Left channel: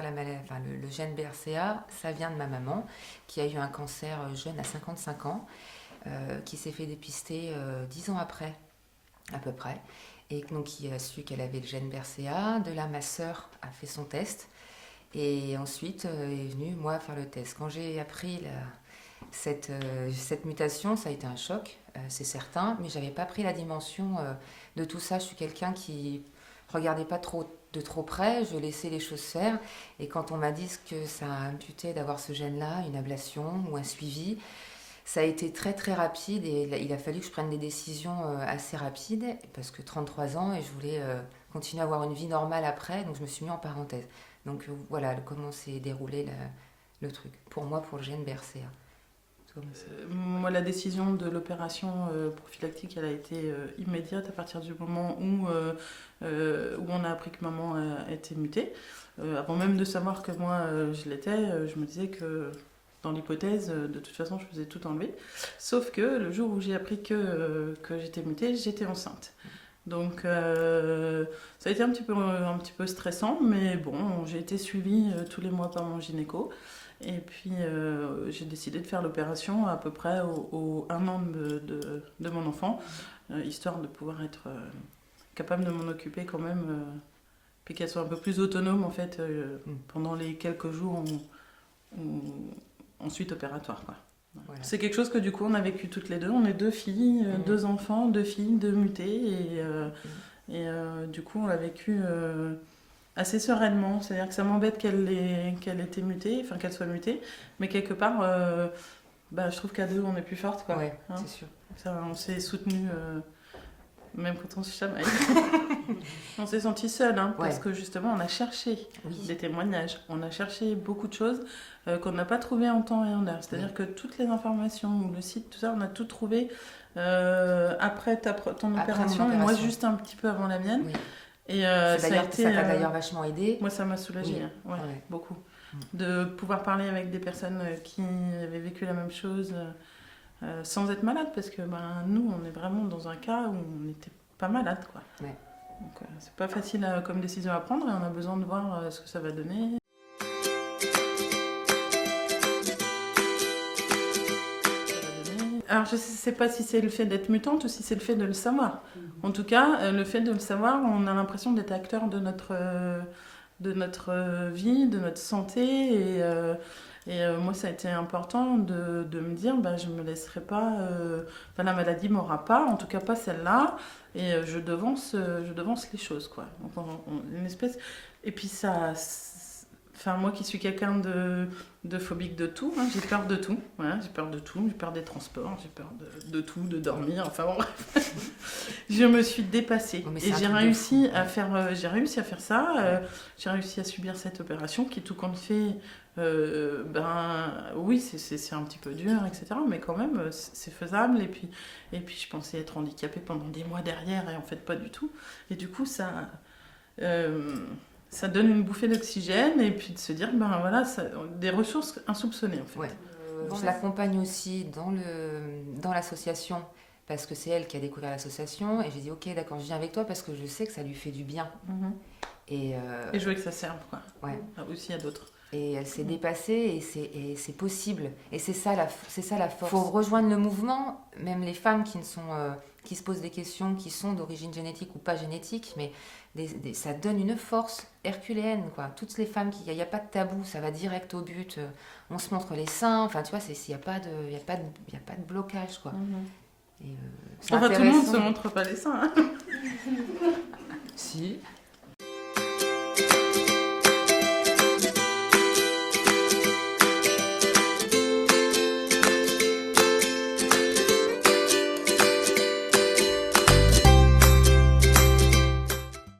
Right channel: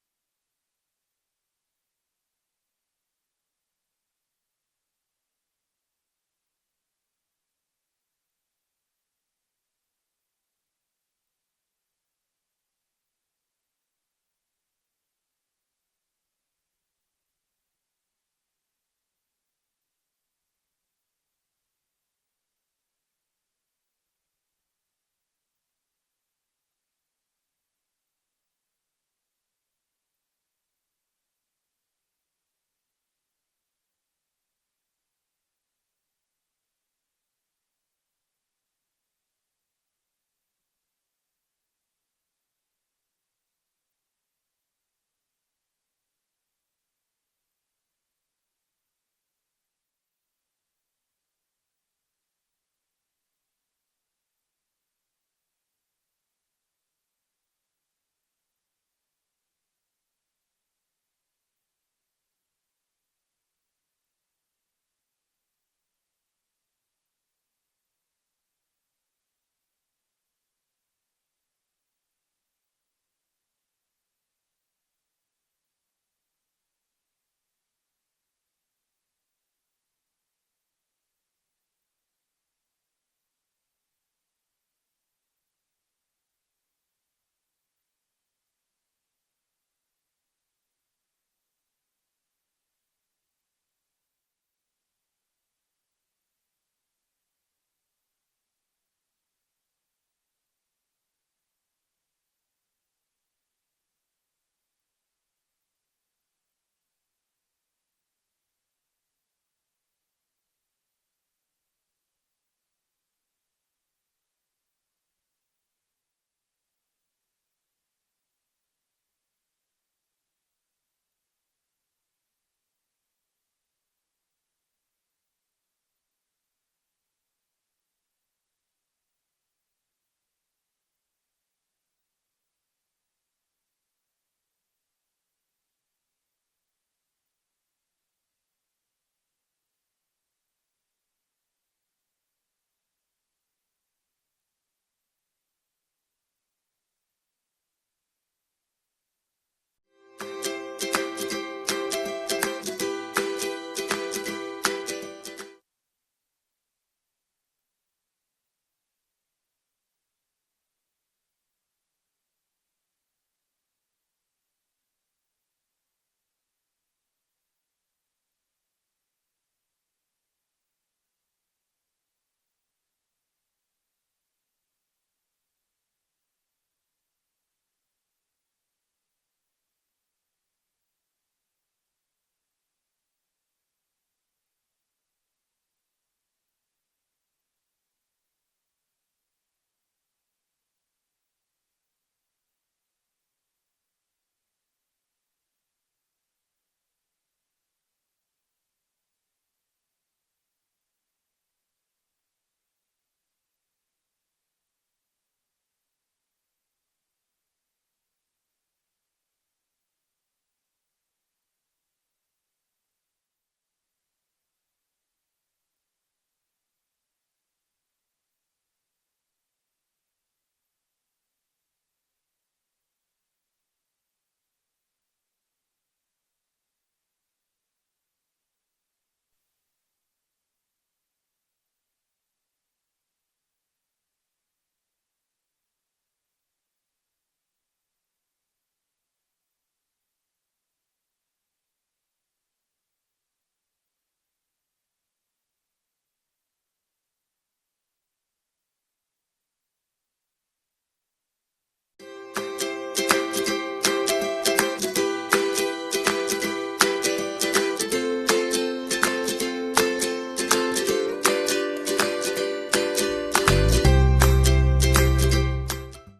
découvert le gène BRCA, ça vient de ma maman, qui a eu un cancer jeune à 55 ans, qui s'est fait dépister 10 ans après, à peu près. Et donc, qui a su qu'elle avait le gène BRCA. De là, ma sœur a fait son test. Et ensuite, est venue, moi, faire le test. Quand j'ai appris cette mutation, ça a été un choc, c'est certain, mais j'avais pas pris la dimension de tout ça. Je suis quelqu'un qui regardait pas de trop près, je laissais les choses faire. Et quand on m'a dit que ça imputait d'avoir ce gène-là, une ablation ou un suivi, ça a été très très rapide et il a fallu que je prenne des décisions assez rapides parce que 33 ans et je voulais continuer à avoir une vie normale après, donc je me suis mis en parenthèse. Donc voilà comment s'est déroulé le truc. Pour moi, pour le gène BRCA. Moi, la décision de l'opération prophylactique, elle a été immédiate à partir du moment où on a appris que maman était mutée. Avant même de savoir que moi je l'étais, je me disais que dans l'hypothèse, de toute façon, je faisais tout enlever. Sauf que le jour où j'ai appris que j'étais mutée, j'étais enceinte. Donc ça a été un petit peu stressant, mais bon, j'ai été suivie tous les mois par mon gynéco. Et puis j'ai décidé de faire l'opération à peu près au 1 an de mon enfant, histoire de pouvoir être capable de m'en occuper quand même, puis qu'elle soit un peu plus autonome en fait pendant les quelques jours ensuite opératoire, quoi. Voilà. C'est quelque chose que du coup on a vécu toutes les deux. On est 2 filles, 2 enfants, 2 filles, 2 mutées. Et du coup on l'a vécu assez sereinement. C'est-à-dire que ça m'embête qu'elle était mutée, enfin qu'elle soit mutée. Mais quelque part, je trouve qu'à 2 on est plus forte, quoi. Ouais, hein, c'est sûr. Ça, on s'est soutenus, même quand on se chamaille. On s'est sentis seuls, hein, parce que justement on a cherché des témoignages. On a cherché beaucoup de choses qu'on n'a pas trouvées en temps et en heure. C'est-à-dire que toutes les informations, le site, tout ça, on a tout trouvé après ton opération, et moi juste un petit peu avant la mienne. Oui. Et ça t'a d'ailleurs vachement aidé. Moi, ça m'a soulagée, beaucoup. De pouvoir parler avec des personnes qui avaient vécu la même chose sans être malade, parce que nous, on est vraiment dans un cas où on n'était pas malade, quoi. Ouais. Donc, c'est pas facile comme décision à prendre et on a besoin de voir ce que ça va donner. Alors, je ne sais pas si c'est le fait d'être mutante ou si c'est le fait de le savoir. En tout cas, le fait de le savoir, on a l'impression d'être acteur de notre vie, de notre santé. Et moi, ça a été important de me dire, je ne me laisserai pas... la maladie ne m'aura pas, en tout cas pas celle-là. Et je devance les choses, quoi. Donc, une espèce... Et puis ça... Enfin, moi qui suis quelqu'un de phobique de tout, hein, j'ai peur de tout. Voilà, j'ai peur de tout, j'ai peur des transports, j'ai peur de tout, de dormir, enfin bon, bref. Je me suis dépassée. Et j'ai réussi à faire ça. J'ai réussi à subir cette opération qui, tout compte fait, oui, c'est un petit peu dur, etc. Mais quand même, c'est faisable. Et puis, je pensais être handicapée pendant des mois derrière, et en fait, pas du tout. Et du coup, ça donne une bouffée d'oxygène et puis de se dire, des ressources insoupçonnées, en fait. Ouais. Je l'accompagne aussi dans l'association parce que c'est elle qui a découvert l'association et j'ai dit, ok, d'accord, je viens avec toi parce que je sais que ça lui fait du bien. Et je veux que ça serve, quoi. Ouais. Aussi à d'autres. Et elle s'est dépassée et c'est possible. Et c'est ça la force. Il faut rejoindre le mouvement, même les femmes qui se posent des questions, qui sont d'origine génétique ou pas génétique, mais ça donne une force herculéenne, quoi. Toutes les femmes, il n'y a pas de tabou, ça va direct au but. On se montre les seins, enfin tu vois, il n'y a pas de blocage, quoi. Et, tout le monde ne se montre pas les seins. Hein. Si.